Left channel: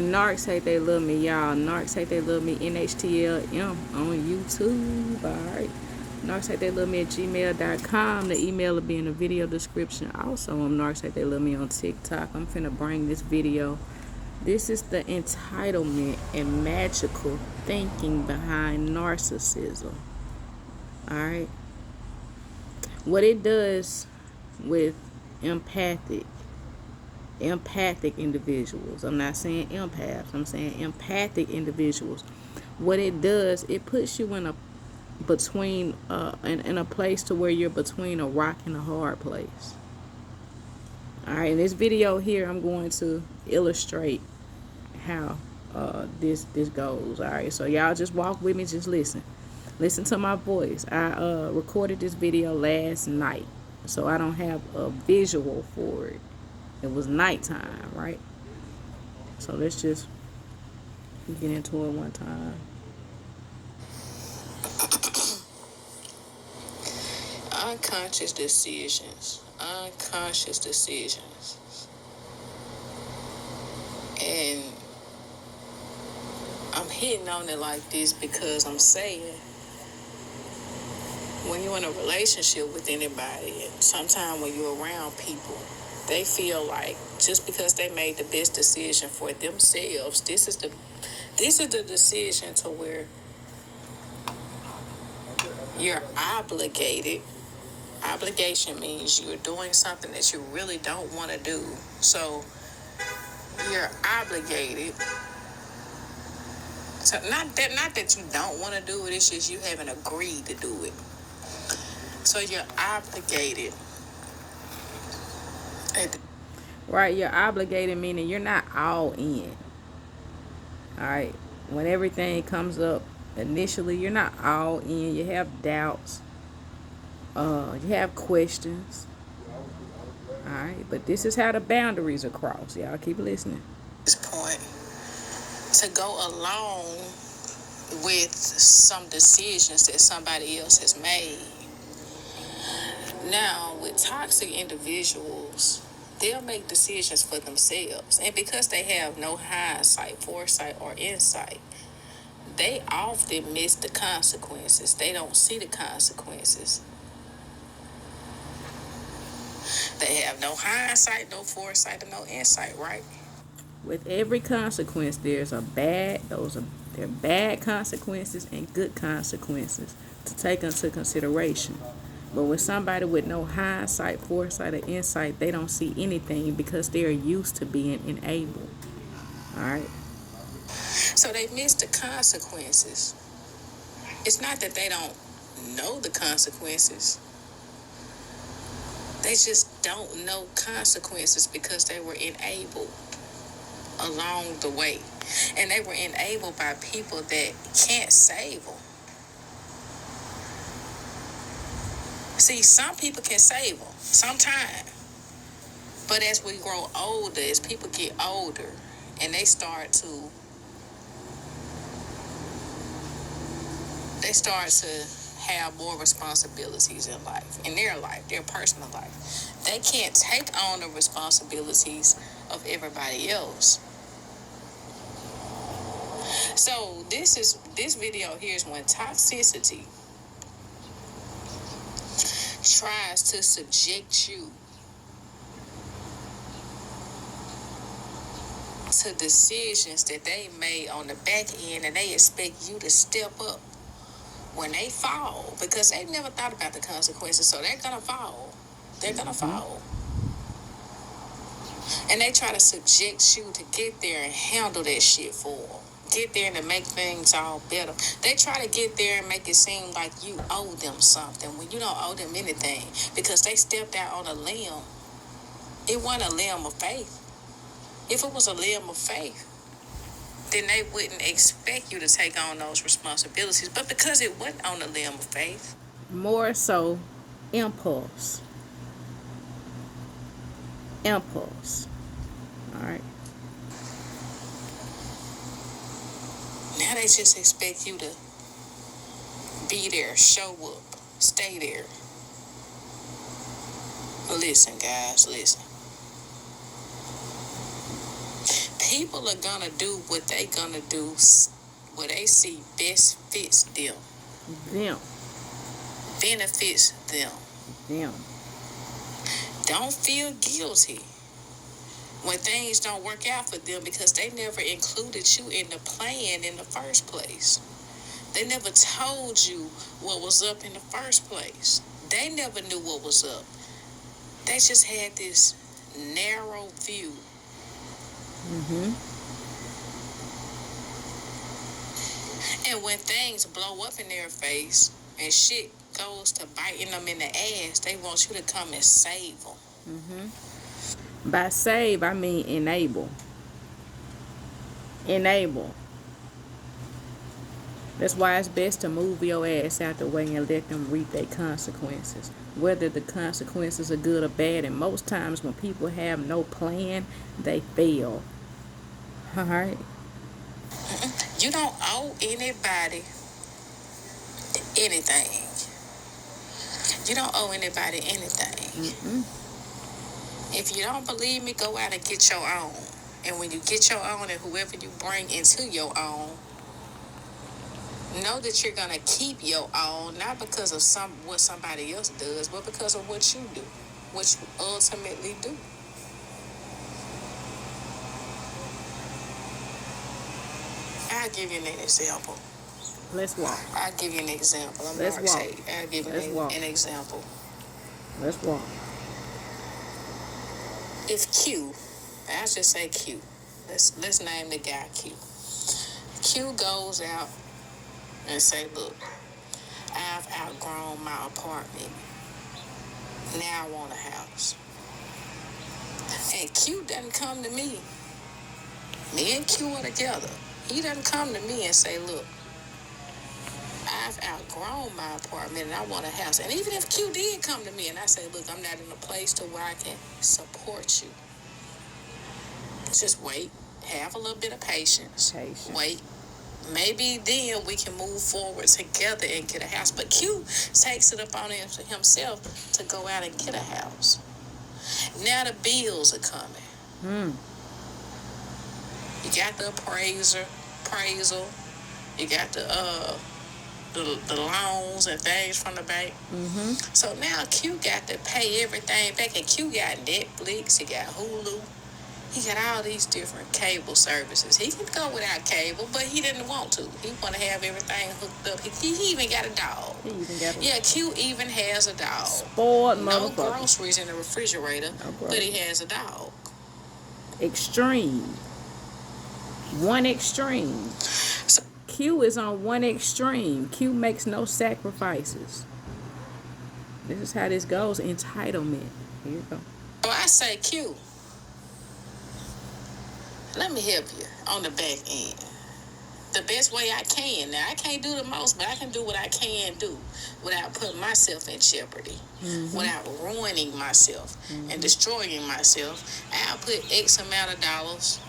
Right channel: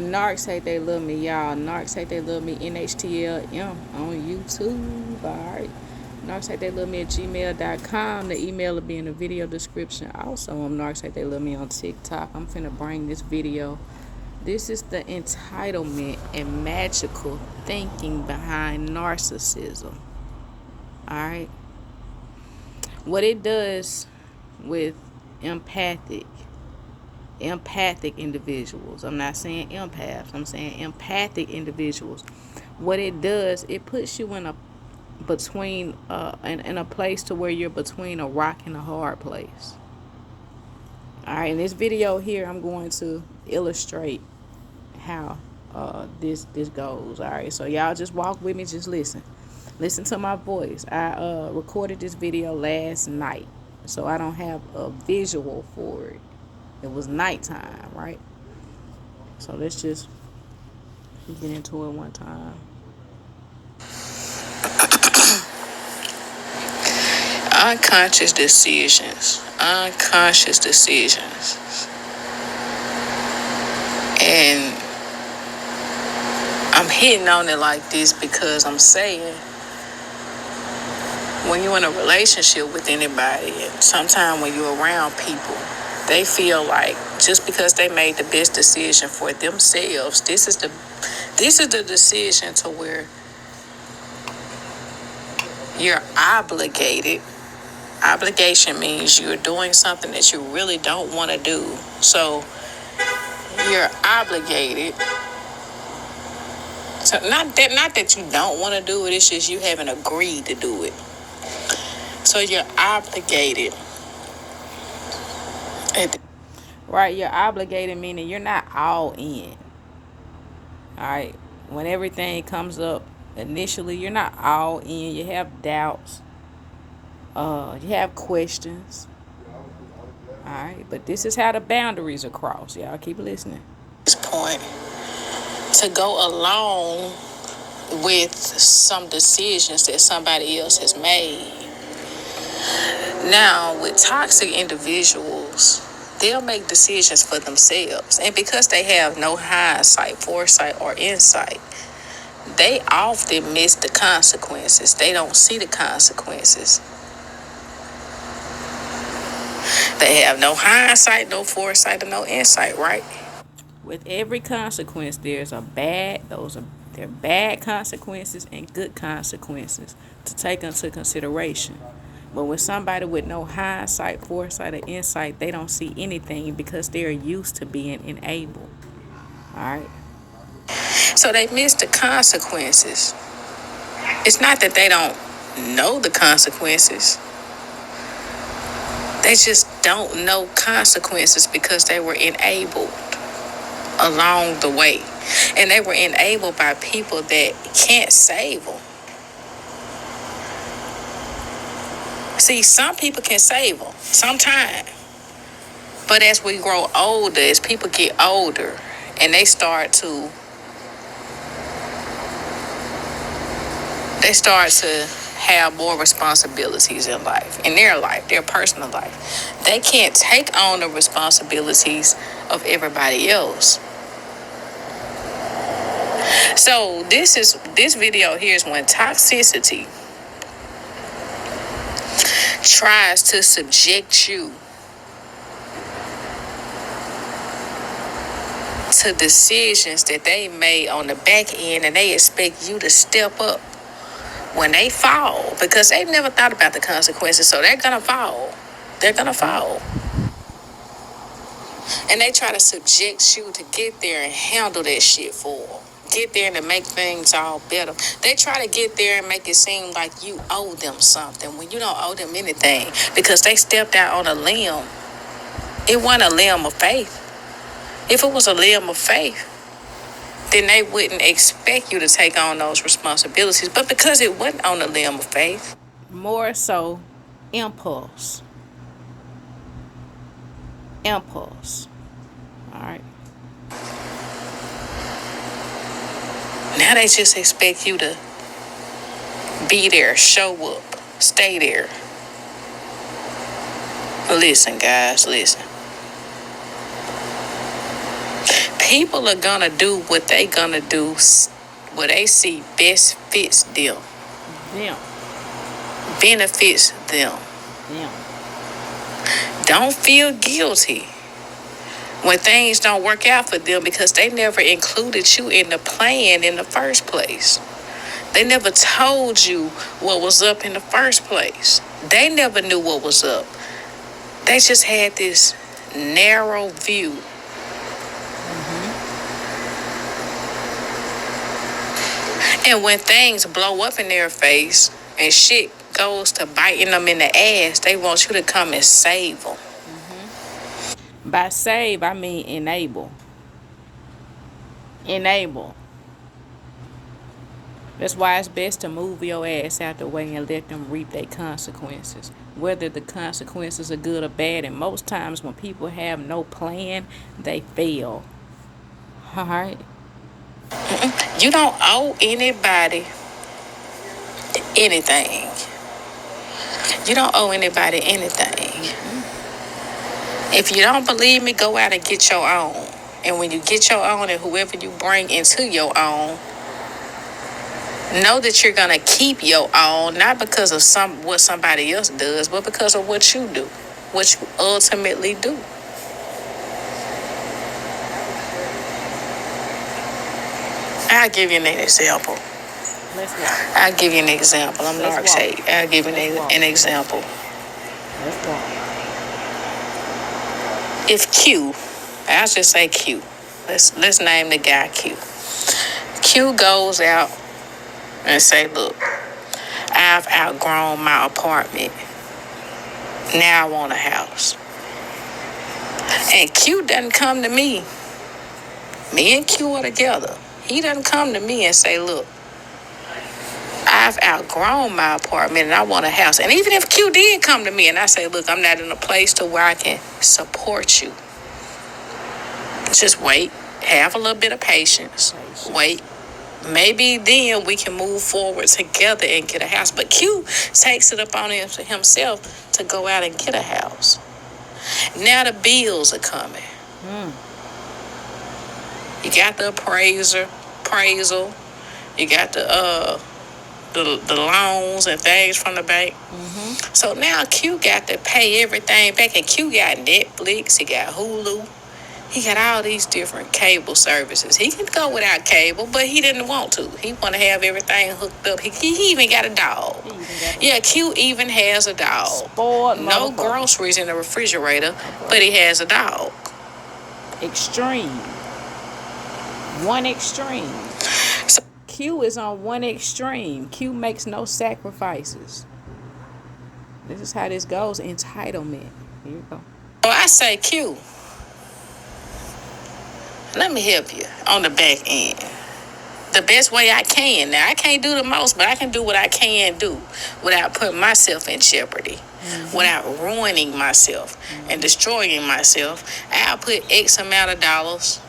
Narcs Hate They Love Me, y'all. Narcs Hate They Love Me, NHTLM on YouTube. Alright. Narcs Hate They Love Me at gmail.com. The email will be in the video description. Also, I'm Narcs Hate They Love Me on TikTok. I'm finna bring this video. This is the entitlement and magical thinking behind narcissism. Alright. What it does with empathic individuals. I'm not saying empaths. I'm saying empathic individuals. What it does, it puts you in a place to where you're between a rock and a hard place. All right, in this video here, I'm going to illustrate how this goes. All right, so y'all just walk with me, just listen to my voice. I recorded this video last night, so I don't have a visual for it. It was nighttime, right? So let's just get into it one time. Unconscious decisions. And I'm hitting on it like this because I'm saying, when you're in a relationship with anybody, and sometimes when you're around people, they feel like just because they made the best decision for themselves, this is the decision to where you're obligated. Obligation means you're doing something that you really don't want to do. So you're obligated. So not that you don't want to do it, it's just you haven't agreed to do it. So you're obligated. Right, you're obligated, meaning you're not all in. Alright, when everything comes up initially, you're not all in. You have doubts. You have questions. Alright, but this is how the boundaries are crossed. Y'all keep listening. This point, to go along with some decisions that somebody else has made. Now, with toxic individuals, they'll make decisions for themselves. And because they have no hindsight, foresight, or insight, they often miss the consequences. They don't see the consequences. They have no hindsight, no foresight, or no insight, right? With every consequence, there are bad consequences and good consequences to take into consideration. But with somebody with no hindsight, foresight, or insight, they don't see anything because they're used to being enabled. All right? So they miss the consequences. It's not that they don't know the consequences. They just don't know consequences because they were enabled along the way. And they were enabled by people that can't save them. See, some people can save them sometimes. But as we grow older, as people get older, and they start to have more responsibilities in life, in their life, their personal life. They can't take on the responsibilities of everybody else. So this video here is when toxicity tries to subject you to decisions that they made on the back end, and they expect you to step up when they fall, because they've never thought about the consequences, so they're gonna fall. And they try to subject you to get there and handle that shit for them. Get there and to make things all better. They try to get there and make it seem like you owe them something when you don't owe them anything, because they stepped out on a limb. It wasn't a limb of faith. If it was a limb of faith, then they wouldn't expect you to take on those responsibilities. But because it wasn't on the limb of faith, more so impulse. All right. Now they just expect you to be there, show up, stay there. Listen, guys, listen. People are gonna do what they gonna do, what they see best fits them. Them. Benefits them. Them. Don't feel guilty when things don't work out for them because they never included you in the plan in the first place. They never told you what was up in the first place. They never knew what was up. They just had this narrow view. And when things blow up in their face and shit goes to biting them in the ass, they want you to come and save them. By save, I mean enable. Enable. That's why it's best to move your ass out the way and let them reap their consequences. Whether the consequences are good or bad, and most times when people have no plan, they fail. Alright? You don't owe anybody anything. You don't owe anybody anything. If you don't believe me, go out and get your own. And when you get your own and whoever you bring into your own, know that you're going to keep your own, not because of what somebody else does, but because of what you do, what you ultimately do. I'll give you an example. Let's walk. I'll give you an example. I'm NarcsHate. I'll give you an example. Let's walk. If Q, I'll just say Q. Let's name the guy Q. Q goes out and say, look, I've outgrown my apartment. Now I want a house. And Q doesn't come to me. Me and Q are together. He doesn't come to me and say, look, I've outgrown my apartment and I want a house. And even if Q did come to me and I say, look, I'm not in a place to where I can support you. Just wait. Have a little bit of patience. Wait. Maybe then we can move forward together and get a house. But Q takes it upon himself to go out and get a house. Now the bills are coming. You got the appraisal. You got the loans and things from the bank. So now Q got to pay everything back. And Q got Netflix. He got Hulu. He got all these different cable services. He can go without cable, but he didn't want to. He want to have everything hooked up. He even got a dog. Yeah, Q even has a dog. Spoiled no motherfucker. Groceries in the refrigerator, but he has a dog. Extreme. One extreme. So, Q is on one extreme. Q makes no sacrifices. This is how this goes. Entitlement. Here you go. I say Q. Let me help you on the back end. The best way I can. Now, I can't do the most, but I can do what I can do without putting myself in jeopardy, without ruining myself and destroying myself. I'll put X amount of dollars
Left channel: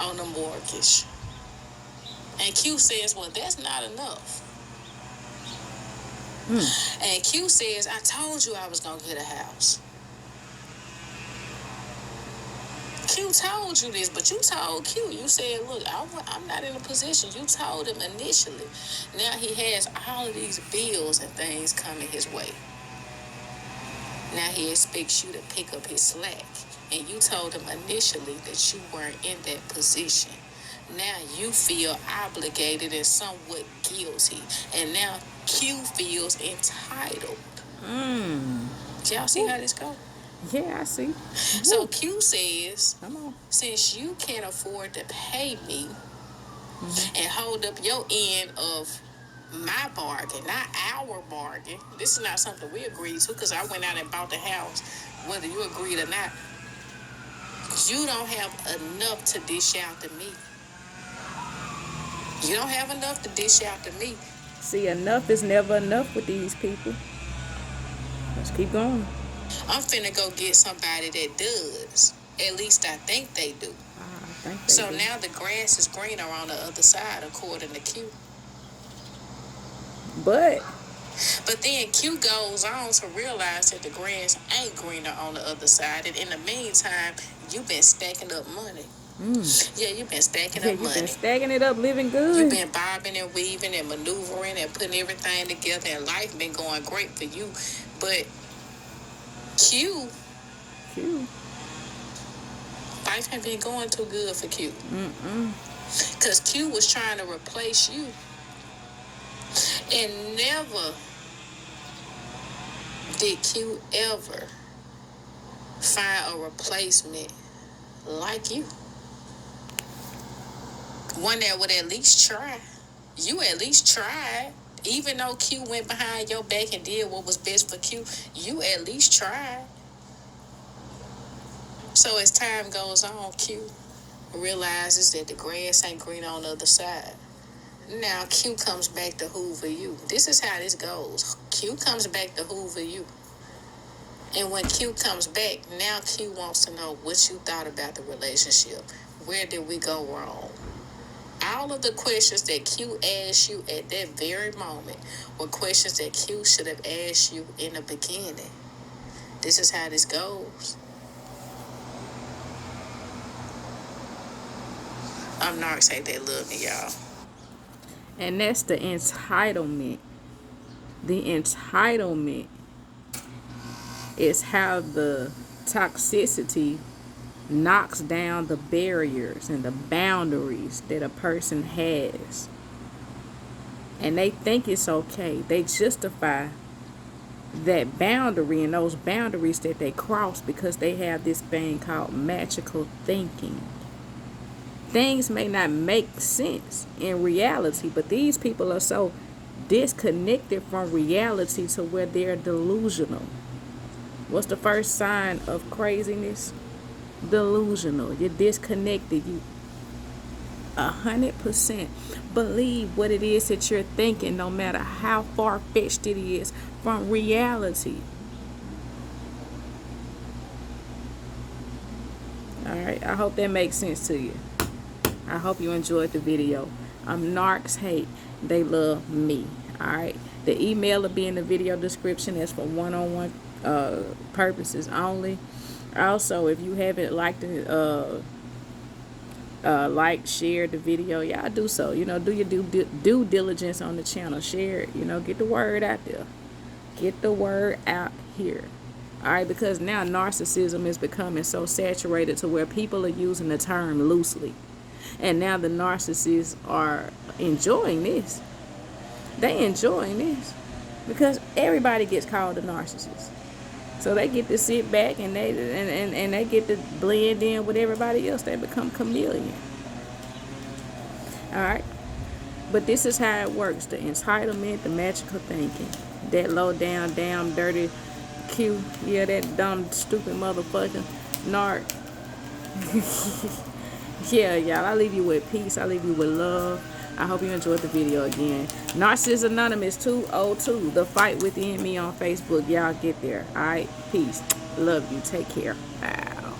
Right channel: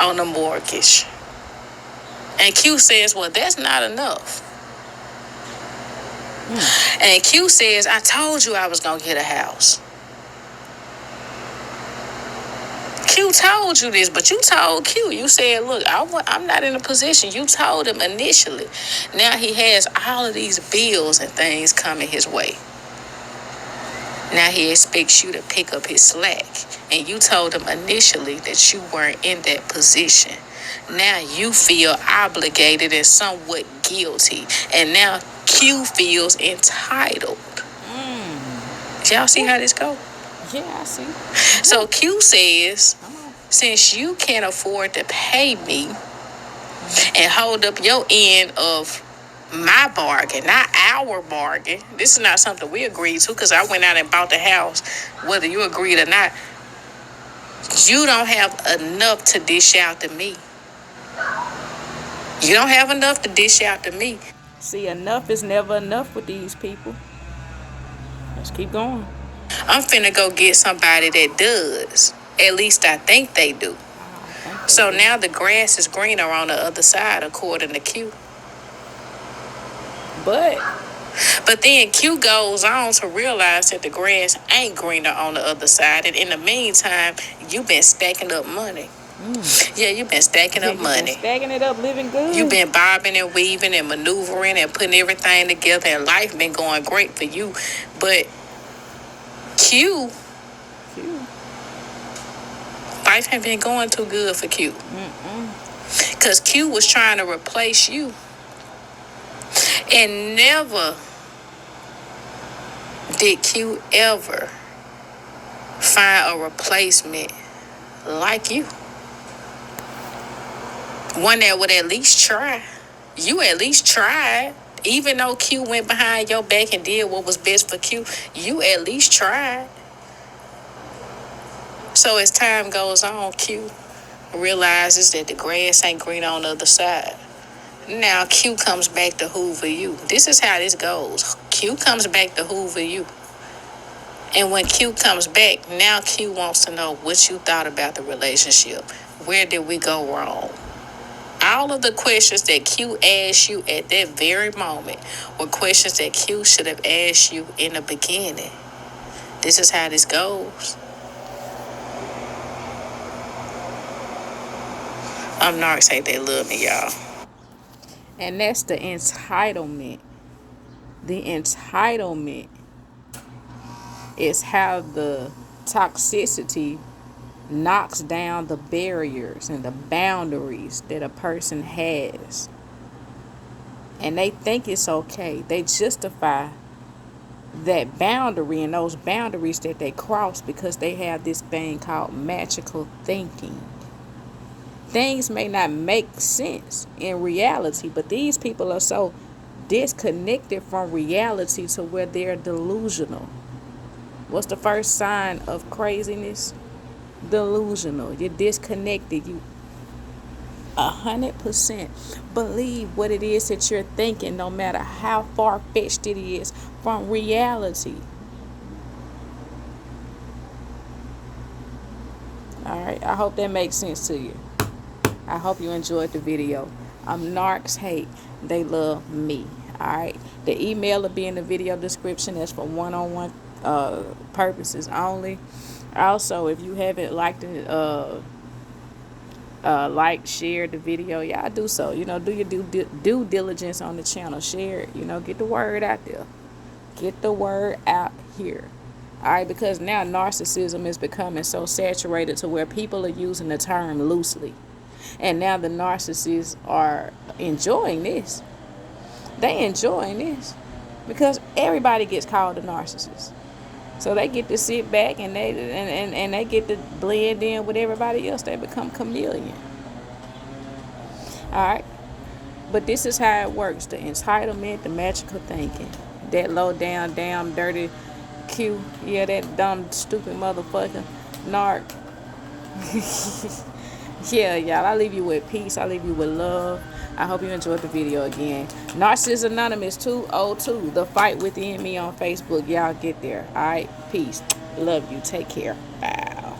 on the mortgage. And Q says, well, that's not enough. And Q says, I told you I was going to get a house. Q told you this, but you told Q. You said, look, I'm not in a position. You told him initially. Now he has all of these bills and things coming his way. Now he expects you to pick up his slack. And you told him initially that you weren't in that position. Now you feel obligated and somewhat guilty. And now Q feels entitled. Y'all see how this goes? Yeah, I see. So Q says, since you can't afford to pay me and hold up your end of my bargain, not our bargain. This is not something we agreed to because I went out and bought the house, whether you agreed or not. You don't have enough to dish out to me. You don't have enough to dish out to me. See, enough is never enough with these people. Let's keep going. I'm finna go get somebody that does. At least I think they do. So now the grass is greener on the other side, according to Q. But then Q goes on to realize that the grass ain't greener on the other side. And in the meantime, you've been stacking up money. Yeah, you've been stacking Yeah, up you've been money. stacking it up, living good. You've been bobbing and weaving and maneuvering and putting everything together, and life been going great for you. But Q, life ain't been going too good for Q. Because Q was trying to replace you. And never did Q ever find a replacement like you. One that would at least try. You at least tried. Even though Q went behind your back and did what was best for Q, you at least tried. So as time goes on, Q realizes that the grass ain't green on the other side. Now Q comes back to hoover you. This is how this goes. Q comes back to hoover you. And when Q comes back, now Q wants to know what you thought about the relationship. Where did we go wrong? All of the questions that Q asked you at that very moment were questions that Q should have asked you in the beginning. This is how this goes. I'm Narcs Hate They Love Me, y'all. And that's the entitlement. The entitlement is how the toxicity knocks down the barriers and the boundaries that a person has. And they think it's okay. They justify that boundary and those boundaries that they cross because they have this thing called magical thinking. Things may not make sense in reality, but these people are so disconnected from reality to where they're delusional. What's the first sign of craziness? Delusional. You're disconnected. You 100% believe what it is that you're thinking, no matter how far-fetched it is from reality. Alright, I hope that makes sense to you. I hope you enjoyed the video. I'm Narcs Hate They Love Me. Alright, the email will be in the video description. That's for one-on-one purposes only. Also, if you haven't liked it, share the video, y'all do so. Do your due diligence on the channel. Share it. Get the word out there. Get the word out here. All right, because now narcissism is becoming so saturated to where people are using the term loosely. And now the narcissists are enjoying this. They enjoying this because everybody gets called a narcissist. So they get to sit back and they get to blend in with everybody else. They become chameleon. All right. But this is how it works. The entitlement, the magical thinking. That low down, damn, dirty Q. Yeah, that dumb, stupid motherfucker. Narc. Yeah, y'all. I leave you with peace. I leave you with love. I hope you enjoyed the video again. Narcissist Anonymous 202. The Fight Within Me on Facebook. Y'all get there. All right. Peace. Love you. Take care. Bye.